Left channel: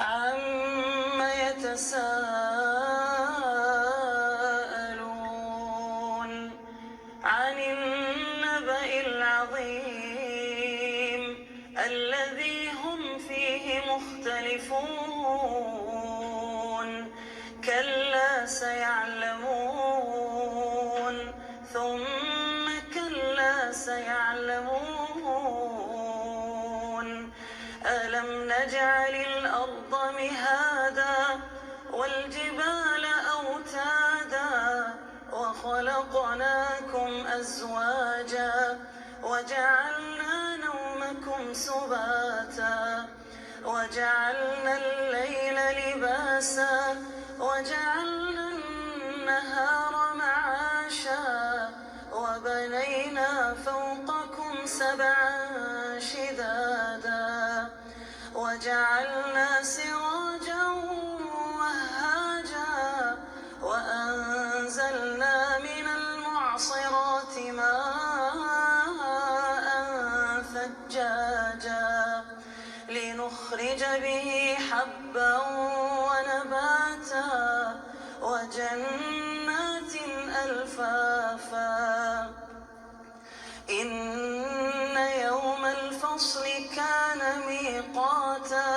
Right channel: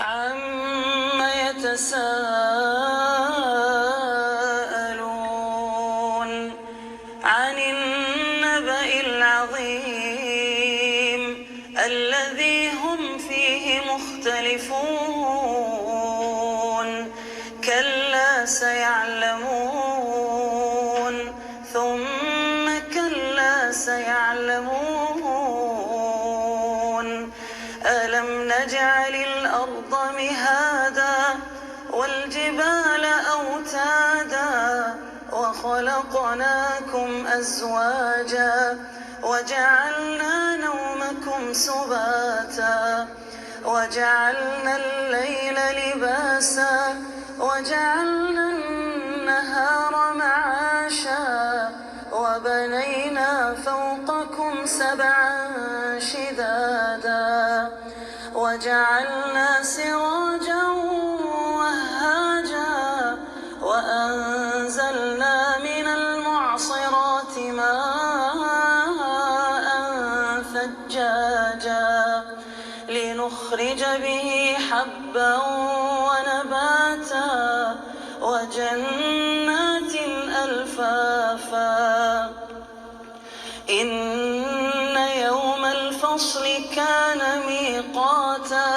عَمَّ يَتَسَاءَلُونَ عَنِ النَّبَإِ الْعَظِيمِ الَّذِي هُمْ فِيهِ مُخْتَلِفُونَ كَلَّا سَيَعْلَمُونَ ثُمَّ كَلَّا سَيَعْلَمُونَ أَلَمْ نَجْعَلِ الْأَرْضَ مِهَادًا وَالْجِبَالَ أَوْتَادًا وَخَلَقْنَاكُمْ أَزْوَاجًا وَجَعَلْنَا نَوْمَكُمْ سُبَاتًا وَجَعَلْنَا اللَّيْلَ لِبَاسًا وَجَعَلْنَا النَّهَارَ مَعَاشًا وَبَنَيْنَا فَوْقَكُمْ سَبْعًا شِدَادًا وَجَعَلْنَا سِرَاجًا وَهَّاجًا وَأَنزَلْنَا مِنَ الْمُعْصِرَاتِ مَاءً ثَجَّاجًا لِّنُخْرِجَ بِهِ حَبًّا وَنَبَاتًا وَجَنَّاتٍ أَلْفَافًا إِنَّ يَوْمَ الْفَصْلِ كَانَ مِيقَاتًا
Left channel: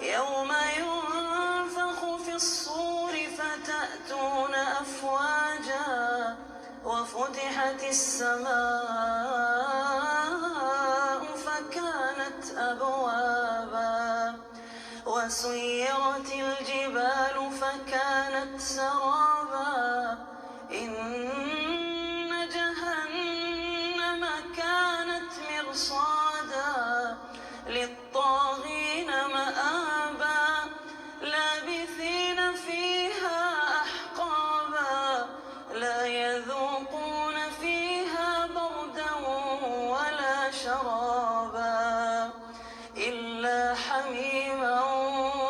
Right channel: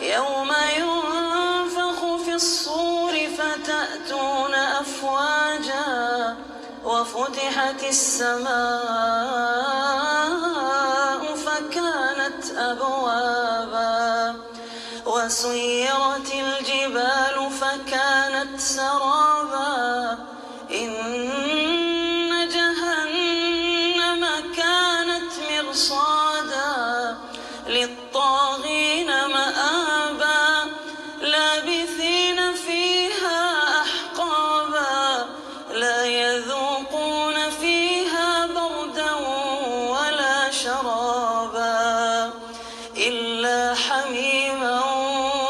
يَوْمَ يُنفَخُ فِي الصُّورِ فَتَأْتُونَ أَفْوَاجًا وَفُتِحَتِ السَّمَاءُ فَكَانَتْ أَبْوَابًا وَسُيِّرَتِ الْجِبَالُ فَكَانَتْ سَرَابًا إِنَّ جَهَنَّمَ كَانَتْ مِرْصَادًا لِّلطَّاغِينَ مَآبًا لَّابِثِينَ فِيهَا أَحْقَابًا لَّا يَذُوقُونَ فِيهَا بَرْدًا وَلَا شَرَابًا إِلَّا حَمِيمًا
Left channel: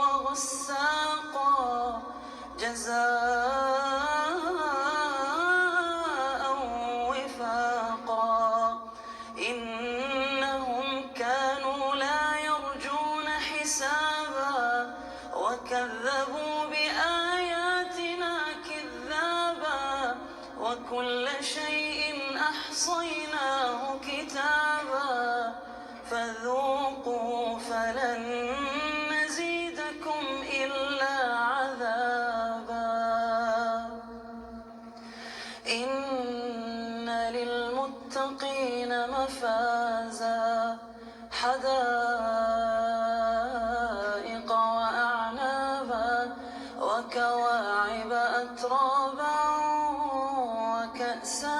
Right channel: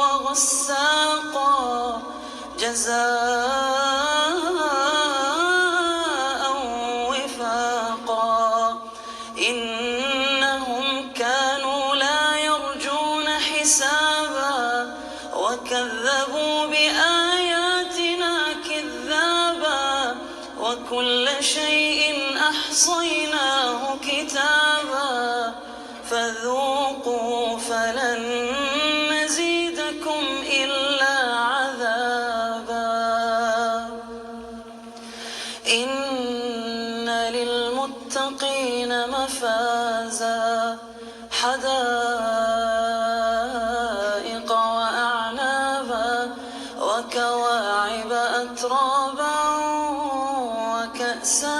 وَغَسَّاقًا جَزَاءً وِفَاقًا إِنَّهُمْ كَانُوا لَا يَرْجُونَ حِسَابًا وَكَذَّبُوا بِآيَاتِنَا كِذَّابًا وَكُلَّ شَيْءٍ أَحْصَيْنَاهُ كِتَابًا فَذُوقُوا فَلَن نَّزِيدَكُمْ إِلَّا عَذَابًا إِنَّ لِلْمُتَّقِينَ مَفَازًا حَدَائِقَ وَأَعْنَابًا وَكَوَاعِبَ أَتْرَابًا وَكَأْسًا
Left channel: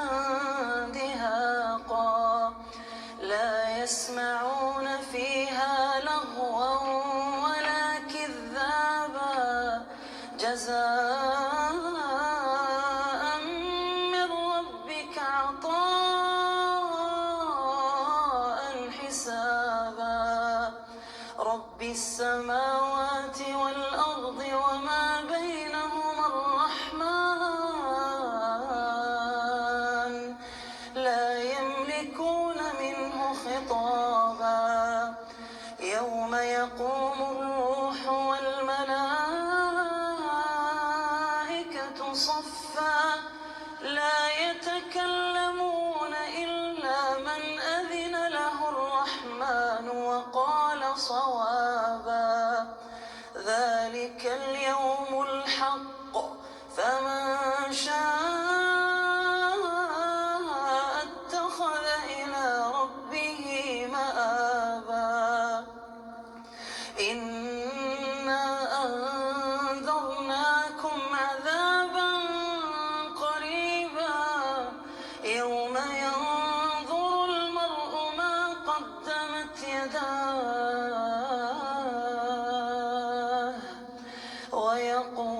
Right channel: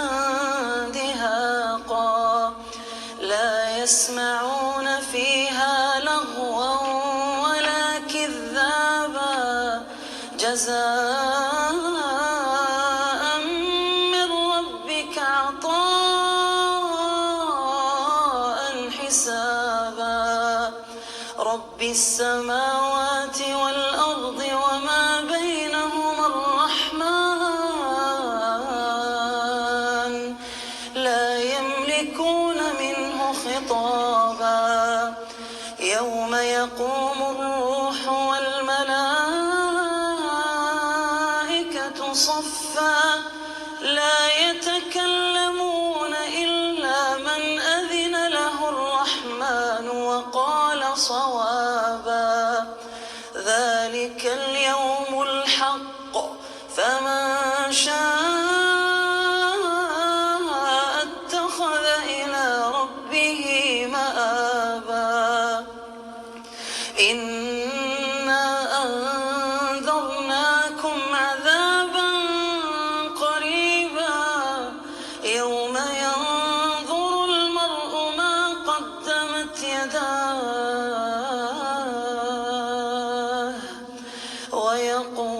دِهَاقًا لَّا يَسْمَعُونَ فِيهَا لَغْوًا وَلَا كِذَّابًا جَزَاءً مِّن رَّبِّكَ عَطَاءً حِسَابًا رَّبِّ السَّمَاوَاتِ وَالْأَرْضِ وَمَا بَيْنَهُمَا الرَّحْمَٰنُ لَا يَمْلِكُونَ مِنْهُ خِطَابًا يَوْمَ يَقُومُ الرُّوحُ وَالْمَلَائِكَةُ صَفًّا لَّا يَتَكَلَّمُونَ إِلَّا مَنْ أَذِنَ لَهُ الرَّحْمَٰنُ وَقَالَ صَوَابًا ذَٰلِكَ الْيَوْمُ الْحَقُّ فَمَن شَاءَ اتَّخَذَ إِلَىٰ رَبِّهِ مَآبًا إِنَّا أَنذَرْنَاكُمْ عَذَابًا قَرِيبًا يَوْمَ يَنظُرُ الْمَرْءُ مَا قَدَّمَتْ يَدَاهُ وَيَقُولُ